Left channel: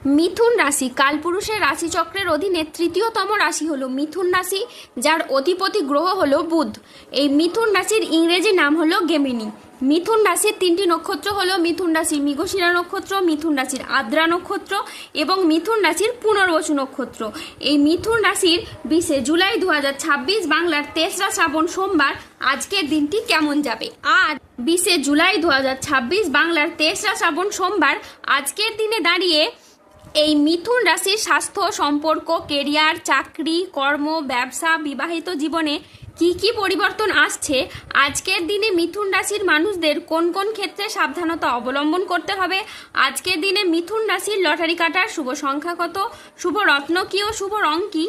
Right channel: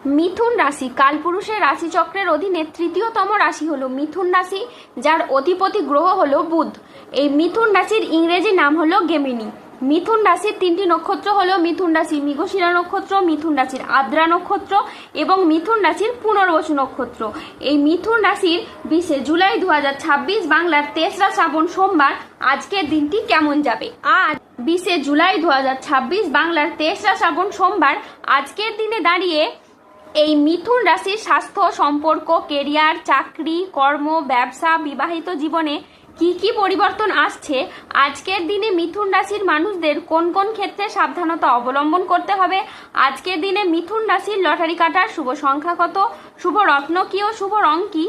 মিথুন রাশি কালপুরুষের রাশিচক্রের অধীনে তৃতীয়তম রাশি হলো মিথুন রাশি, যার অধিপতি গ্রহ হলো বুধ। এই মিথুন রাশির ইংরেজি নাম হলো গেমিনি। মিথুন রাশির তিনটি নক্ষত্র হলো মিথুন রাশির মৃগশিরা নক্ষত্র, মিথুন রাশির আদ্রা নক্ষত্র এবং মিথুন রাশির পুনর্বসু নক্ষত্র। এই মিথুন রাশির 20 জুলাই 2026 বাংলার 3রা শ্রাবণ সোমবার আজকের দিনটি কেমন যাবে। আজ 20 জুলাই 2026 বাংলার 3রা শ্রাবণ সোমবার আজকের দিনে দাঁড়িয়ে এই মিথুন রাশির স্বাস্থ্য, সম্পর্ক, কেরিয়ার, চাকরি, কর্ম, ব্যবসা, বিবাহিত জীবনে কি কি পরিবর্তন আসছে, আজকের দিনে মিথুন রাশির মানুষদের কোন কোন ক্ষেত্রে সাবধানতা অবলম্বন করতে হবে, আজকের দিনে মিথুন রাশির লটারি কাটার শুভ সংখ্যা কত, শুভ রত্ন কি ও শুভ রং কি,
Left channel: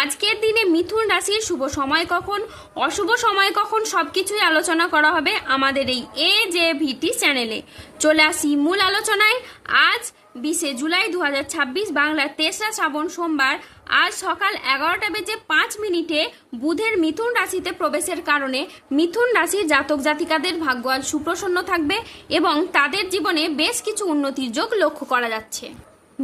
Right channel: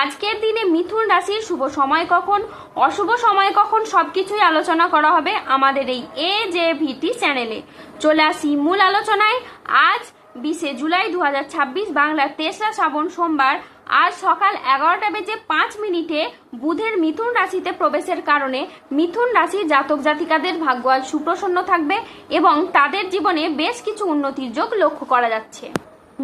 আজকের দিনে মিথুন রাশির শুভ সময় কখন, অশুভ সময় কখন, সবকিছুই আলোচনা করা হবে আমাদের এই AJVT চ্যানেলে। চলে আসি মূল আলোচনায়। আজ 20 জুলাই 2026 বাংলার 3রা শ্রাবণ সোমবার আজ সকাল 11:05 বুধের মিথুন রাশিতে প্রবেশের কারণে মিথুন রাশির জাতক জাতিকাদের ভাগ্য আজ সুপ্রসন্ন থাকবে এবং তাদের জীবনে বেশ কিছু উন্নতির যোগ লক্ষ্য করা যাচ্ছে।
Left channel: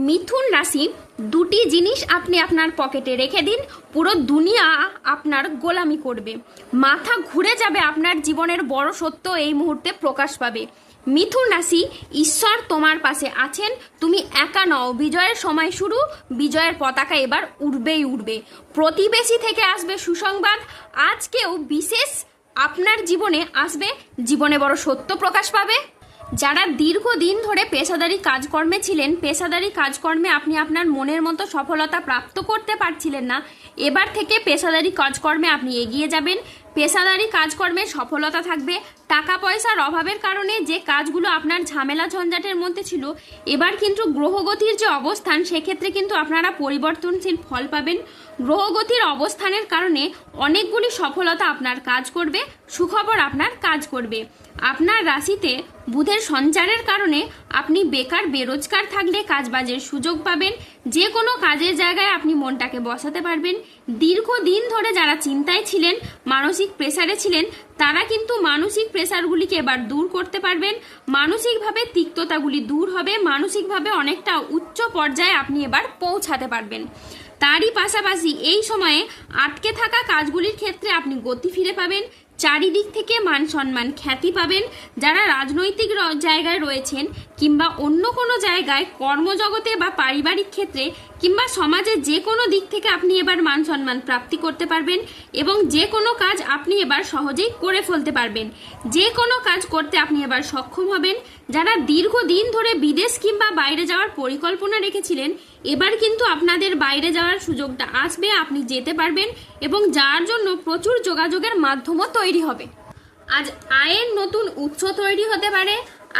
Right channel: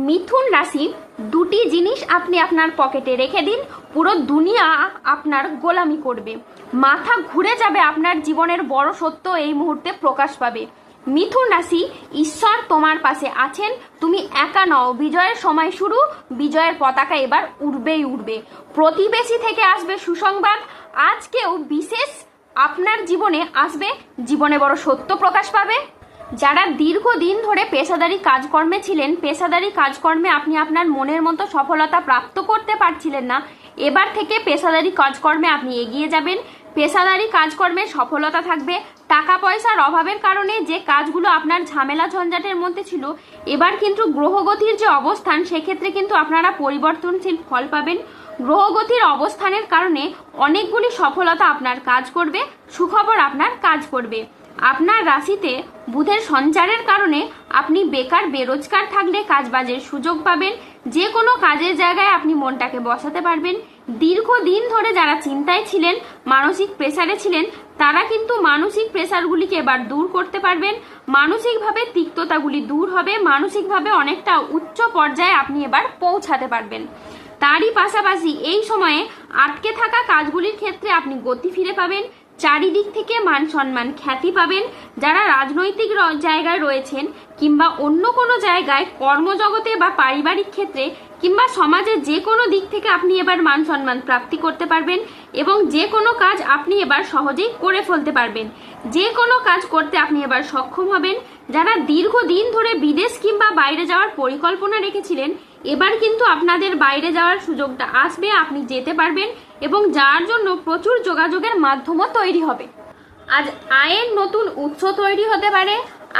মিথুন রাশি দুটি জিনিস আপনি আপনার পকেটে রেখে দিন, পুরো দুনিয়া আপনার গোলামি করবে। মাথা ঘুরে যাবে, আপনার জীবনের বড় সত্য এই মুহূর্তে প্রকাশ পাবে। মিথুন রাশি, ঈশ্বর তোমার পাশে আছেন, তুমি একা নও। বিজয়ের সময় শুরু, বিজয়ের পতাকা এবার উড়বেই উড়বে। প্রতিবেশী থেকে আসবে সুসংবাদ, আজকেও বিশেষ আপনার জীবনে আসবে, জীবনে বড় সত্য প্রকাশ পাবে। যারা দীর্ঘদিন ধরে পেশাদারি কাজকর্মে ছিলেন, পেশাদারি কাজকর্মে আপনি আপনার মনের মতো সফলতা প্রাপ্ত করতে পারছিলেন না, এবার থেকে পেশাদারি কাজকর্মে আপনি এগিয়ে যাবেন। পেশাদারি কাজকর্মে সফলতা থাকবে। টাকা পয়সার অভাবের কারণে যে কাজগুলো আপনার ঝামেলা ঝঞ্ঝাটের মধ্যে ছিল, এবার কিন্তু গ্রহগতির যে অবস্থান, সেক্ষেত্রে কিন্তু আপনারা পরিবর্তনশীল ফল পাবেন। গ্রহগতির অবস্থানের কারণে অনেকগুলি সফলতা আপনার কাজ করবে, সুখবর আপনার কাজ করবে। আপনার রাশিতে বুধের সঞ্চারের কারণে আপনি বেকার বেরোজগার থাকলে কাজবাজের সুযোগ পাবেন। যে কোনো কাজের জায়গায় আপনি মনটাকে বসাতে পারবেন। দীর্ঘদিন ধরে যারা চিন্তায় ছিলেন, মানসিক প্রেসারে ছিলেন, তারা কিন্তু মানসিক প্রেসারগুলিকে এবার দূর করতে পারবেন। মানসিকভাবে তিক্ততাগুলি দূর হবে, মানসিকভাবে অনেকটা উচ্চ পর্যায়ে আপনি এবার পৌঁছাতে পারবেন। তারই পাশাপাশি এই সময়ে আটকে থাকা কাজগুলির ক্ষেত্রে আপনি গতি ফিরে পাবেন। চারিদিক থেকে মান সম্মান খ্যাতি পাবেন। যারা রাজনৈতিক জায়গায় রয়েছেন কিংবা অন্য কোনো জায়গায় কর্মজগতে বা পারিবারিক ক্ষেত্রে কিংবা সমাজের যে কোনো দিক থেকে আপনি এবার মান সম্মান প্রাপ্তি করতে পারবেন এবং যে কোনো কাজ আপনি এবার সহজেই করে ফেলতে পারবেন। যে কোনো কাজ করতে আপনি এবার সক্ষম হবেন। যারা দীর্ঘদিন ধরে বিদেশ কিংবা বাইরে যাওয়ার পরিকল্পনা রেখেছিলেন, এবার কিন্তু আপনাদের বাইরে যাওয়ার সুযোগটা আসবে, আপনি যেতে পারবেন এবং যার জন্য প্রচুর যোগাযোগের মাধ্যমও তৈরি হবে। আজ আয়ের নতুন উৎস তৈরি হতে পারে।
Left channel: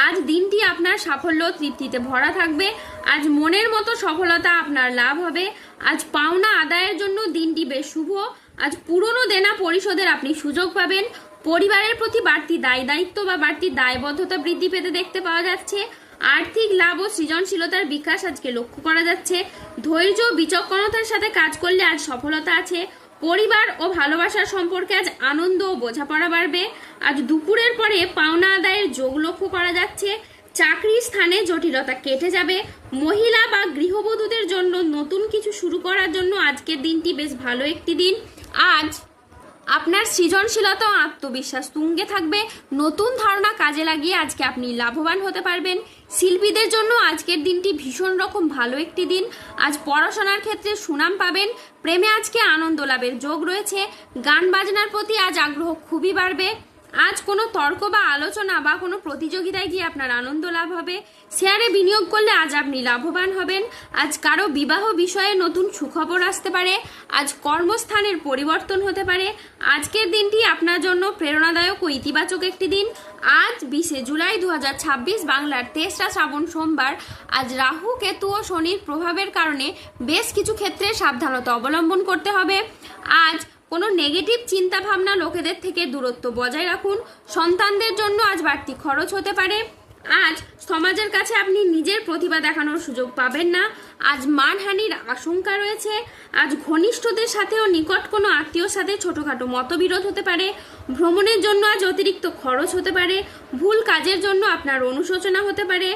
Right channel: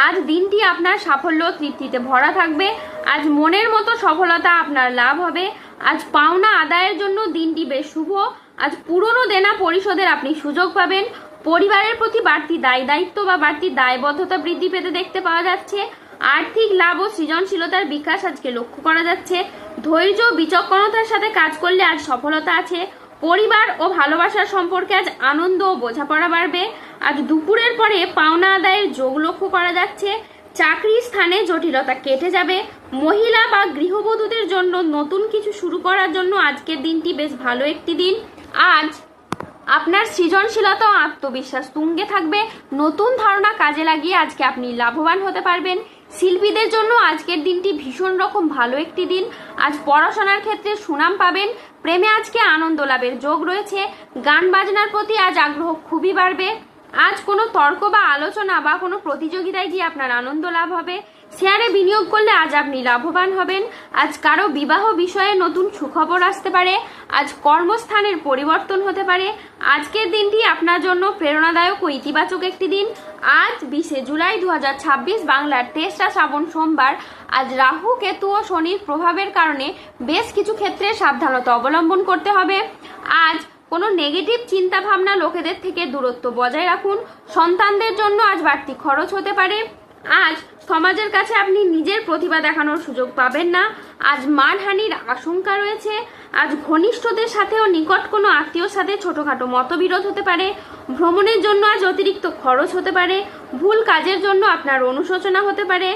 আজ দিনটি আপনার সাফল্য তৃপ্তিতে ভরা থাকবে। আজ মনের মতো সফলতা আপনার লাভ হবে। আজ পাওনা আদায়ের জন্য দিনটি বেশ শুভ। আজ পুরনো দেনা পরিশোধের আপনি সুযোগ পাবেন। পরিবারের প্রতি বাড়তি দায়িত্ব বা বাড়তি দায়বদ্ধতা বৃদ্ধি পেতে দেখতে পাওয়া যাচ্ছে। আর্থিক লাভ ও সৃজনশীলতার বিকাশ আজকে লক্ষ্য করা যাচ্ছে। ধৈর্য বিচক্ষণতার সাথে কাজ করলে আজ সফলতা আছে। পরিবার ও ভালোবাসার সম্পর্কে আজ আনন্দ ও বোঝাপড়া বাড়বে। আজ দুপুরের পরে পাওনা আদায়ের যোগ লক্ষ্য করা যাচ্ছে। চাকরির স্থানে জটিলতা কেটে যাবে। মহিলা বা গৃহবধূদের জন্য নতুন কিছু শুরু করার জন্য আজকের দিনটি বেশ ভালো একটি দিন। আজ আপনার সৃজনশীলতা ও আত্মবিশ্বাস তুঙ্গে থাকবে। নতুন ধারণা কাজে লাগিয়ে আজকে আপনি লাভবান হতে পারবেন। শিল্পীদের জন্য আজকের দিনটি ভীষণ রকম ভালো একটি দিন। আজ পড়াশোনার ক্ষেত্রে সুনাম পাবেন। প্রেমে আজকে আনন্দ লাভের যোগ রয়েছে। গান বাজনার প্রতি আজ আগ্রহ খুবই বাড়বে। আজ কোনো তর্ক বা আলোচনা বা কোনো প্রতিযোগিতায় গিয়ে আপনার আনন্দ লাভ হবে। শেয়ারে বিনিয়োগ করলে আজ আপনি লাভবান হবেন। আজ কারো বিবাহ বিষয়ে নতুন সুখবর আসতে পারে। আজ কর্মস্থানের পরিবর্তন হতে পারে। আজকের দিনটি আপনার জন্য প্রেরণাদায়ক ও ইতিবাচক একটি দিন। আজ 20 জুলাই 2026 বাংলার 3রা শ্রাবণ সোমবার আজ রাহু, কেতু ও শনির প্রভাবের কারণে বেশ কিছু ক্ষেত্রে সাবধানতা অবলম্বন করতে হবে। আজ কোনো নেগেটিভ চিন্তা ভাবনা লোকেদের থেকে দূরত্ব বজায় রাখুন। সন্তানদের জন্য আজ বাড়তি খরচ হতে পারে। আজ সমাজের কাছে আপনি নিজের প্রতিভা দেখানোর সুযোগ পাবেন না। আজ মানহানির আশঙ্কা রয়েছে। আজ ঘনিষ্ঠদের সাথেও নিকট কোনো আত্মীয়র সাথে ছোটখাটো মতবিরোধ হতে পারে। ভ্রমণের জন্য আজ অতিরিক্ত খরচ হতে পারে। ভুল কাজের জন্য আপনার অনুশোচনা হতে পারে।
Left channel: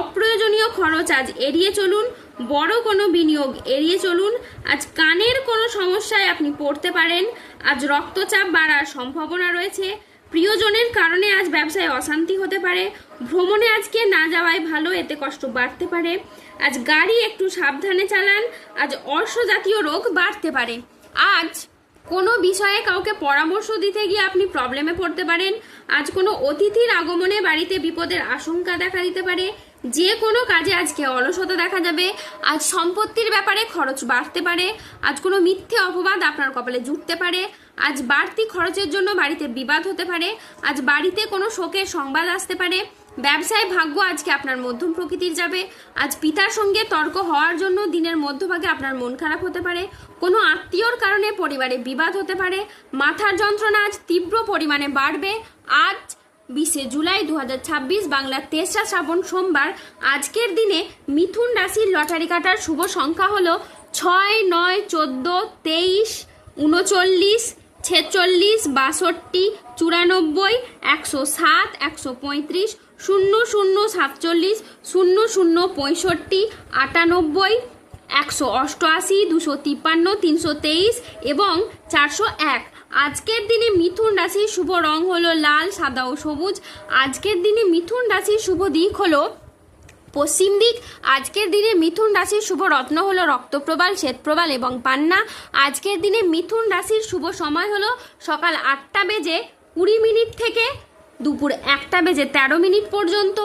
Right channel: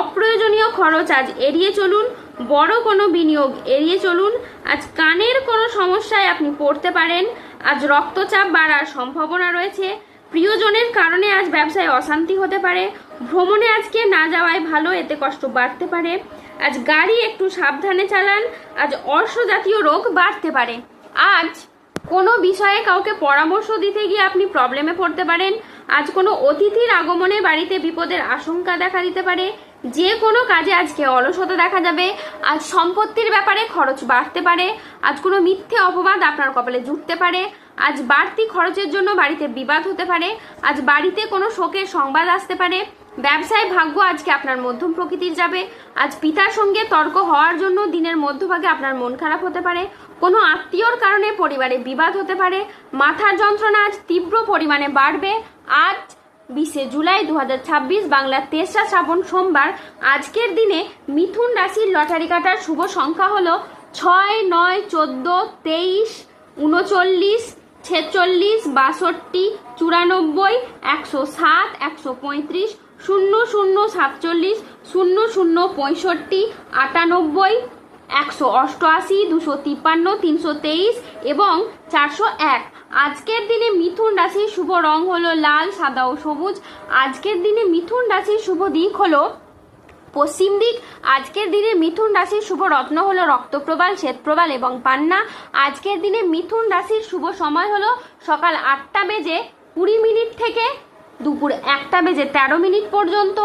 অপ্রয়োজনীয় খরচ আজ এড়িয়ে চলুন। বড় কোনো বিনিয়োগ এড়িয়ে চলুন। আজ কানের কোনো সমস্যায় আপনি পড়তে পারেন। আজ রক্তচাপ বাড়ার সম্ভাবনা রয়েছে। প্রিয়জনের কারণে আজ ব্যবসায় অশান্তি হতে পারে। ভ্রমণে আজকে না যাওয়াই ভালো, এতে কষ্ট বাড়তে পারে। আজ গাড়ি একটু সাবধানে চালান। আজ অর্শ জাতীয় রোগ বাড়তে পারে। আজ কোনো বিষয়ে কাউকে পরামর্শ দিতে গিয়ে আপনি প্রবলেমে পড়তে পারেন। আজ কোনো অতিথির আগমনে বাড়িতে বিপদের আশঙ্কা দেখা দিতে পারে। যে কোনো কাজে আজকে অলসতা দেখা যাবে। আজ সম্পত্তির ব্যাপারে খরচ বাড়তে পারে। আজ কোনো মিথ্যে অপবাদ আপনার কপালে জুটতে পারে। আজ বাড়তি খরচের জন্য বাড়িতে বিবাদ হতে পারে। আজ বাড়িতে কোনো শোকের সংবাদ আসতে পারে। ব্যবসায় ভাগ্য আজকে আপনার মধ্যম প্রকৃতির যাবে। আজ পিতার সঙ্গে তর্ক হওয়ার জন্য দিনের মধ্যভাগে আপনার মন খারাপ হতে পারে। কোনো আত্মীয়র কারণে পরিবারে বিবাদ হতে পারে। মাথার যন্ত্রণা আজ তীব্র পরিমাণে বাড়বে। আজ 20 জুলাই 2026 বাংলার 3রা শ্রাবণ সোমবার। আজকের দিনে মিথুন রাশির লটারি কাটার শুভ সংখ্যা হলো 6, 9, 14, 23, 39, 46, 62, 94, 107, 135, 00, 47, 00, 65, 98, 188, 253, 323 এবং 401। আজকের দিনে মিথুন রাশির শুভ রং হলো লাল, সাদা ও সবুজ। আজকের দিনে মিথুন রাশির শুভ দিক হলো পশ্চিম দিক। আজকের দিনে মিথুন রাশির শুভ রত্ন হলো রক্তপ্রবাল, শ্বেতপ্রবাল এবং পান্না। আজকের দিনে মিথুন রাশির শুভ সময় হলো সকাল 8টা বেজে 20 মিনিট থেকে দুপুর 1টা বেজে 13 মিনিট পর্যন্ত।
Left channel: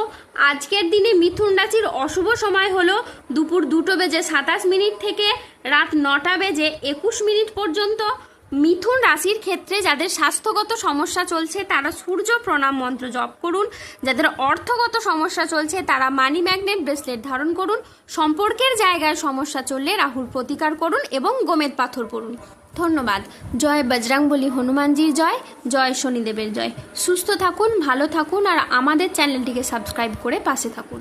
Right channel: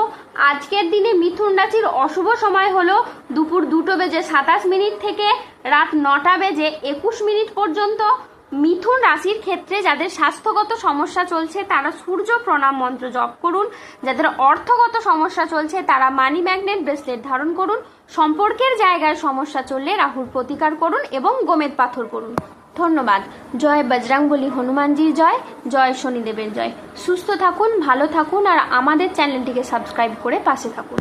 আজকের দিনে মিথুন রাশির অশুভ সময় হলো দুপুর 2টো বেজে 27 মিনিট থেকে রাত 9টা বেজে 21 মিনিট পর্যন্ত। মিথুন রাশির ক্ষেত্রে যাদের স্বাস্থ্যগত সমস্যা চলছে তারা সূর্য প্রণাম মন্ত্র জপ করুন। যাদের অর্থগত সমস্যা চলছে তারা মানি ম্যাগনেট ব্রেসলেট ধারণ করুন। সম্পর্কের জায়গায় সমস্যা চললে রাহুর প্রতিকার করুন এবং গোমেদ পাথর করুন। ধন্যবাদ। জয় বজরংবলী হনুমানজির জয়, জয় শনিদেবের জয়। সুস্থ থাকুন, ভালো থাকুন আর আমাদের চ্যানেলটিকে সাবস্ক্রাইব করে পাশে থাকুন।